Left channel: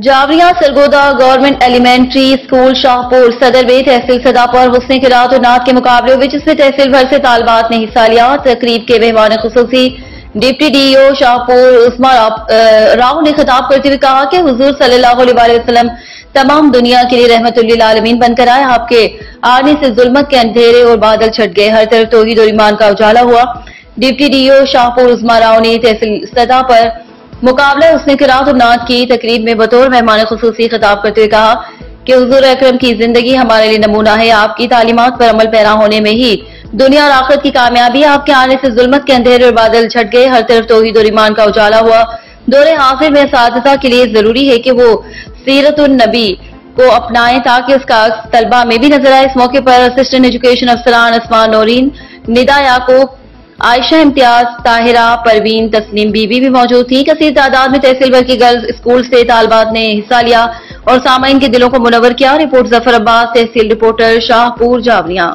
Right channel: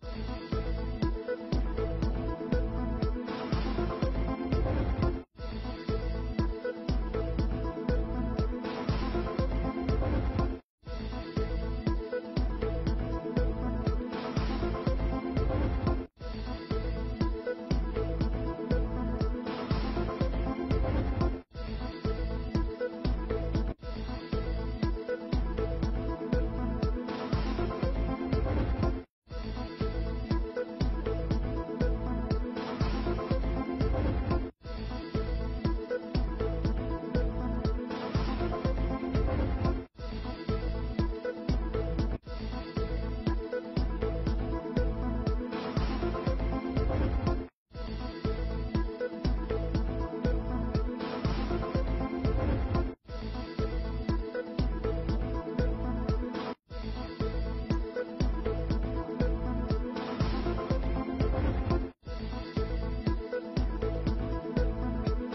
Javeria Sargodha government elementary school Shahpur Sadar में तहसील सदा पर हुस्न किरात और नात के मुकाबले हुए जिसमें तहसील भर से तालबात ने हिस्सा लिया। तकरीब के मेहमान खुसूसी डिप्टी डीईओ शाहपुर उस्मा राव ने खिताब करते हुए कहा कि हुजूर सल्लल्लाहु अलैहि वसल्लम तमाम दुनिया के लिए रहमतुल्लिल आलमीन बनकर आए। आपके आने से जुल्मत के अंधेरे और बादल छट गए, हर तरफ तौहीद और ईमान का उजाला हुआ। डिप्टी डीईओ शाहपुर उस्मा राव ने तहसील सदा पर मुकाबला हुस्न किरात और नात की तकरीब में बतौर मेहमान खुसूसी खिताब करते हुए कहा कि हुजूर अकरम की जिंदगी हमारे लिए नमूना है। आपकी तालीमात पर अमल पैरा होने में ही दुनिया और आखिरत की कामयाबी। आपके आने से जुल्मत के अंधेरे और बादल छट गए, हर तरफ तौहीद और ईमान का उजाला हुआ। दौरे हाजिर में असातिज़ा के लिए जरूरी है कि वो सीरतुन नबी को अपनाएं ताकि उसका तलबा में भी नजर आए। इस मौके पर असिस्टेंट एजुकेशन अफसरान अस्मान नौरीन, निदा याकूब, आयशा इम्तियाज, ताहिरा, परवीन, तस्नीम बीबी भी मौजूद थी। कसीर तादाद में तहसील भर की गर्ल्स स्कूल से तालबात ने हिस्सा लिया और सामाइन के दिलों को मुनव्वर किया। रिपोर्ट जफर अब्बास, तहसील रिपोर्टर, शाहपुर, जावरिया।